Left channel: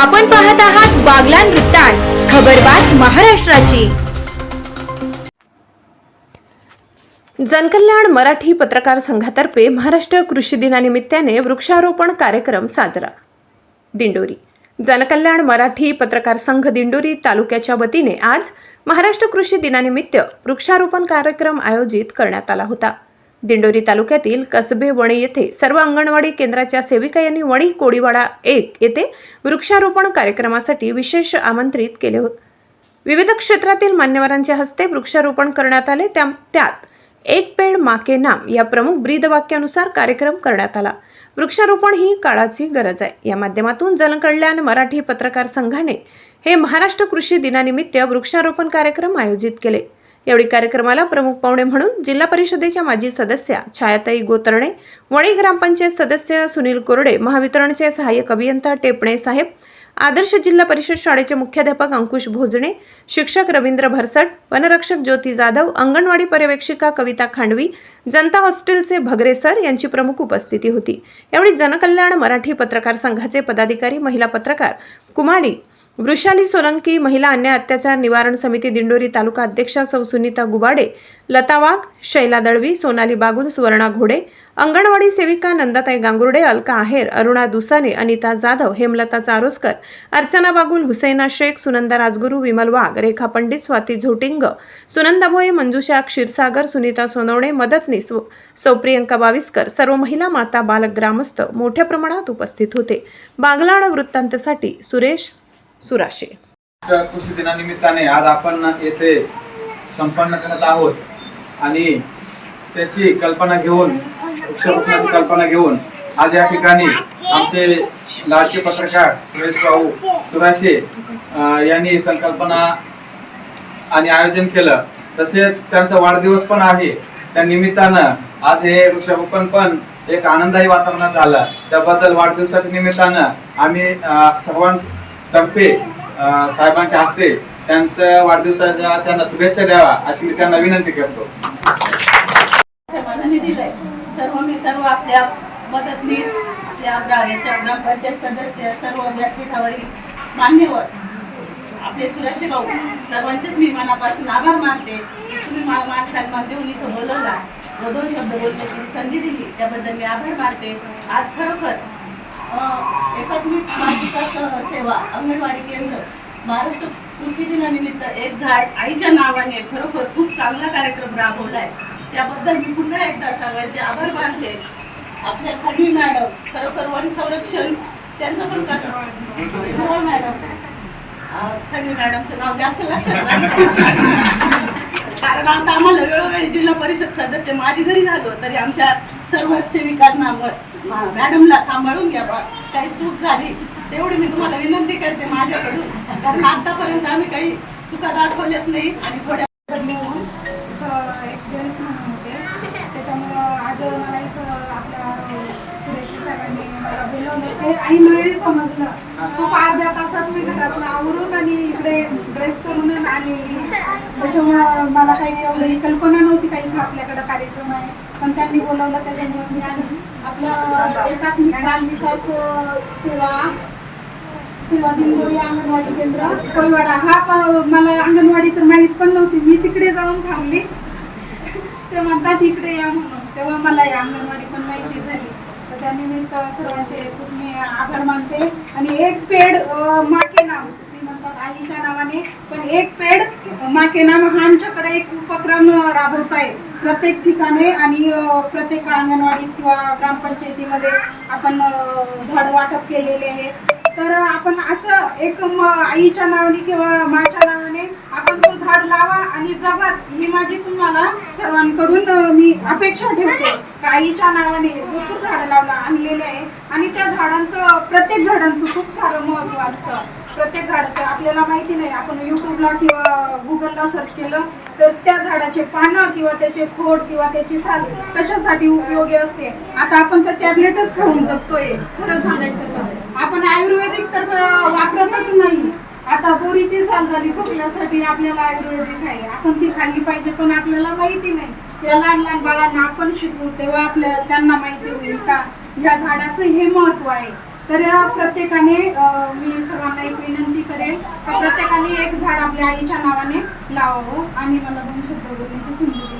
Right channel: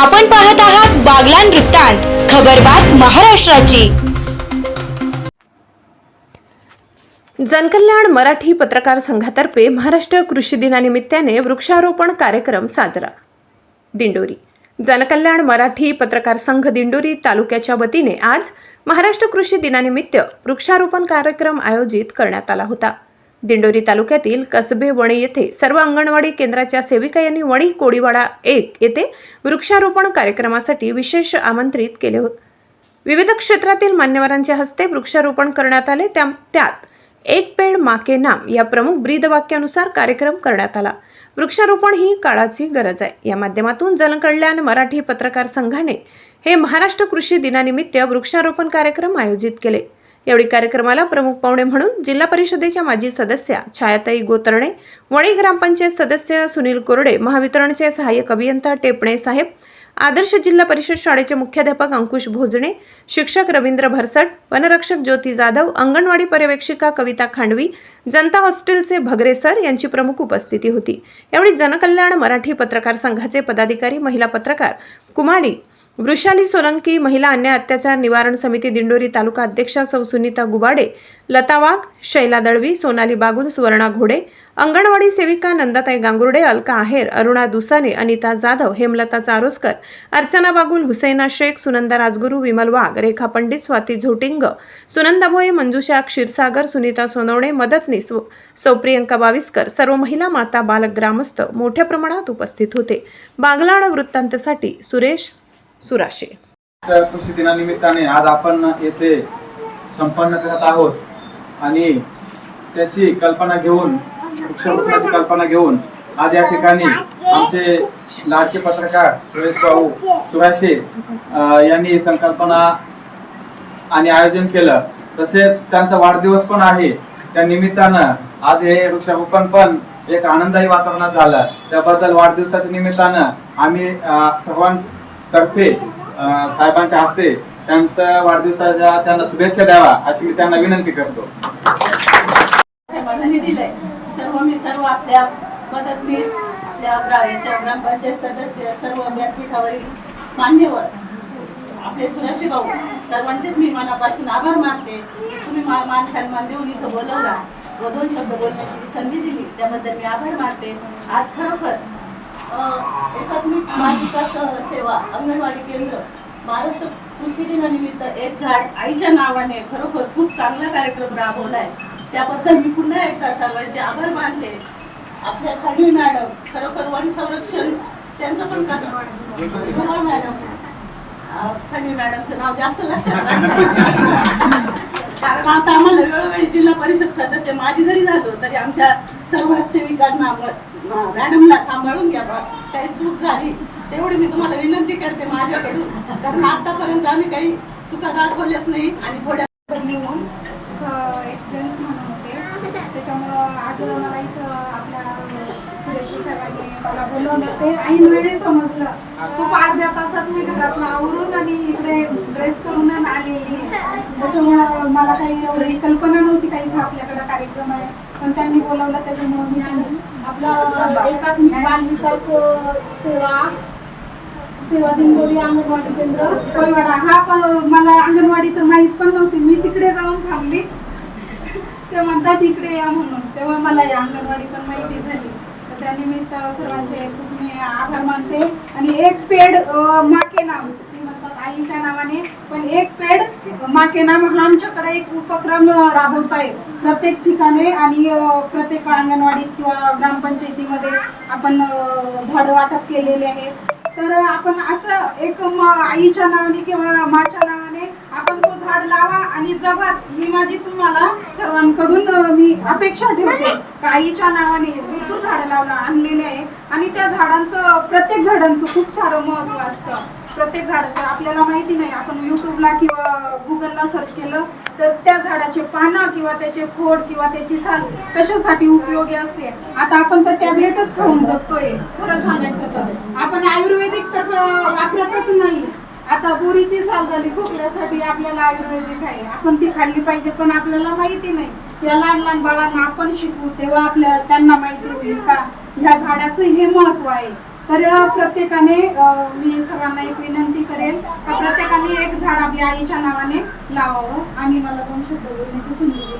आपण पाहत आहात बागलान वृत्तांत खबरबात महाराष्ट्राची. जनकल्याण मराठी पत्रकार संघातर्फे महाराष्ट्र कृषी दिनानिमित्ताने वृक्षारोपण कार्यक्रम साजरा. दिंडोरी जनकल्याण मराठी पत्रकार संघ दिंडोरी तालुक्याच्या वतीने आज महाराष्ट्र कृषी दिनानिमित्त वृक्षारोपण कार्यक्रम आयोजित करण्यात आला होता. दिंडोरी तालुक्यातील कसबे वणी येथे सर्व अंगणवाडी केंद्राच्या सेविका यांनी वणी कोळीवाडा एक येथे वृक्षारोपण कार्यक्रमासाठी विशेष आमंत्रित केले होते. विविध क्षेत्रातील मान्यवरांच्या हस्ते वृक्षारोपण करण्यात आले. त्या त्यात एक पेड माके नाम या प्रमुख ब्रीदवाक्यानुसार कार्यक्रम करण्यात आला. वृक्षारोपण ही काळाची गरज आहे. या माध्यमातून जनकल्याण मराठी पत्रकार संघाने हे महाराष्ट्र कृषी दिनानिमित्त वृक्षारोपण कार्यक्रम आयोजित केले. यावेळी कार्यक्रमाला प्रमुख पाहुणे म्हणून जिल्हा परिषदेच्या माजी सदस्या छायाताई गोतरणे वणी ग्रामपंचायत सदस्य सुनील कोरडे महावितरणचे सहाय्यक अभियंता टेपणे साहेब आदर्श जिल्हा परिषद शाळेचे मुख्याध्यापक अंकुश भोजणे शिक्षक रवींद्र भरसट वनरक्षक ज्योती जाधव अंगणवाडी पर्यवेक्षिका कविता खांडवी जनता हॉस्टेलचे भगरे सर यांची प्रमुख उपस्थिती होती. यावेळी जनकल्याण मराठी पत्रकार संघाचे पदाधिकारी महिला पत्रकार कुमारी वृषाली सोलंकी महिला अन्याय अत्याचार निवारण समिती दिंडोरी तालुका अध्यक्षा सौ सुनीता गुबाडे लता वाघ शैला दळवी सोनाली बागुल सुवर्णा घोडे अंगणवाडी सेविका नंदाताई गांगुर्डे अलका आहेर अरुणा दुसाने अनिता जाधव हेमलता चारोस्कर अर्चना बागुल हुसैना शेख सुनंदा राजगुरू विमल वाघ रेखा पंडित स्वाती झोटिंग सुनंदा भोये मंजुषा क्षीरसागर सुनीता सोनवणे मदतनीस सौ प्रियंका बाविस्कर सर्व महिला माता बालक ग्रामस्थ मोठ्या प्रमाणात उपस्थित होते. बागलाण वृत्तांतसाठी सुरेश सुराशे. त्या कृषी दिनानिमित्ताने आज आपण येथे संपन्न करत आहोत आणि त्याची कल्पना घेऊन वृक्षारोपणाची कल्पना घेऊन आज या ठिकाणी आमचे लाडके पत्रकार सुरेश भाऊ सुराशे यांनी संकल्पना आणि आयोजन केलं. तसेच त्यांचा वाढदिवस पण आहे. त्या निमित्तानं आज हे वृक्षारोपण पण एक आनंदायी वातावरणात झालं. त्याबद्दल वाढदिवसाच्या निमित्तानं आम्ही अं, तर्फे साहेबांच्या हस्ते त्यांच्या वाढदिवसाच्या त्यांना शुभेच्छा द्यावा अशी मी त्यांना विनंती करतो. सर्व मी सर्व आपल्या मदतनीस आपल्या गावाच्या ग्रामपंचायत सदस्य सर्व व्यासपीठावरील मान्यवर आपले सुरेश भाऊ सर्वांचेच मी मनापासून आभार मानते तुम्ही मला मान सन्मान देऊन इथं बोलवला व दोन शब्द बोलण्याची संधी दिली. त्याबद्दल मी आभार मानते. आज खरोखर एकात्मिक बाल विकास सेवा अंगणवाडी केंद्र महाराष्ट्र कृषी दिनानिमित्त एक झाड आईच्या नावाने खरोखर खूप चांगला कार्यक्रम राबवला आहे त्याबद्दल मी पुन्हा एकदा सर्वांचे आभार मानले आपल्या खडवी मॅडम खरोखर वन संरक्षण त्यांचं पण कार्यक्रम मॅडम. अं, मॅडमचं नाव जास्त लक्षात कारण आता आम्हाला वेळोवेळी जिल्हा परिषद सदस्य माझी घरी झालो तरी आमच्या सर्व सेविकांना मॅडमला सांभाळून घ्यावा काही चूक झाली तेवढी मी तुम्हाला विनंती करते माझ्याकडून. कारण आतापर्यंत आम्ही काही चुका दाखवल्याच नाही आणि थोड्या बदली एक्सपिरियन्स म्हणून होते. त्याच्यामुळं आज मला एक आपल्या सुरेश साहेबांनी मला बोलवलं. ते ऐन वेळी समजलं. खूप अर्ध्या तासात मी घरातून आवरून आणि इकडे ड्रेस करून आलेली त्याच्यामुळं मला काही एवढी कल्पना नव्हती काही आपल्याकडं आपल्याकडे कार्यक्रम आहे. पण त्यांनी बोलवलं त्याच्यामुळे मी आली आपलं एकात्मिक बाल विकास सेवा सेवा दिनगोरी अंगणवाडी केंद्र कोळवाडा. हा प- मला अंगणवाडी तर माहीत पण नव्हती. मी तिकडे जाऊन थांबली. ते म्हणतात इकडे या म्हणून. तेव्हा मला या अंगणवाडी पण माहिती झाली. तर त्यानिमित्त सर्वांचे खूप मी आभार मानते. आणि एक पेड माके नाव. म्हणतात आईच्या नावाने. पण एक पेड माके नाव. हा आमच्याकडे एक उपक्रम राबवता येईल प्रत्येक ठिकाणी आणि प्रत्येक अंगणवाडीत किंवा ग्रामपंचायतीमध्ये आपण झाड वाटप केलेले आहे. तर आपण असं एक आईच्या नावाने किंवा माच्या नावाने आपण तो झाड लावा आणि जगाच ही माझी तुम्हाला सर्वांकडून मी अपेक्षा ठेवते. आईच्या नावाने भरपूर झाडं लावला आणलेले आहे आणि त्या झाडांचं प्रत्येक झाडांचं खूप सारं महत्त्व असतं. प्रत्येक झाडाचं आपल्याला माहिती नाही आपण युट्यूबला किंवा गुगलला सर्च केलं तर त्या झाडाचे पानं किंवा त्याचे खोड किंवा त्याची साल कशासाठी उपयोगी असते? आता आपण तर टॅबलेटच खाऊन जगतोय खरं सांगायचं तर. आपण आयुर्वेदिक तर वापरतच नाही. आता बोरीची साल झाली खोकल्यासाठी आपल्याला आयुर्वेदिक आहे. आपण ती खाल्ली पाहिजे पण आपल्याला माहिती नाही. या लहान लहान बाळांना आपण शिकू तेव्हा आपल्या त्यांना माहिती होईल का? ह्या झाडाचं हे महत्त्व आहे. तर प्रत्येकाने मी सर्वांना एक विनंती करेल का प्रत्येकाने एक झाड आपल्या आईच्या नावाने लावावं. आणि मला दोन शब्द बोलण्याची संधी दिली.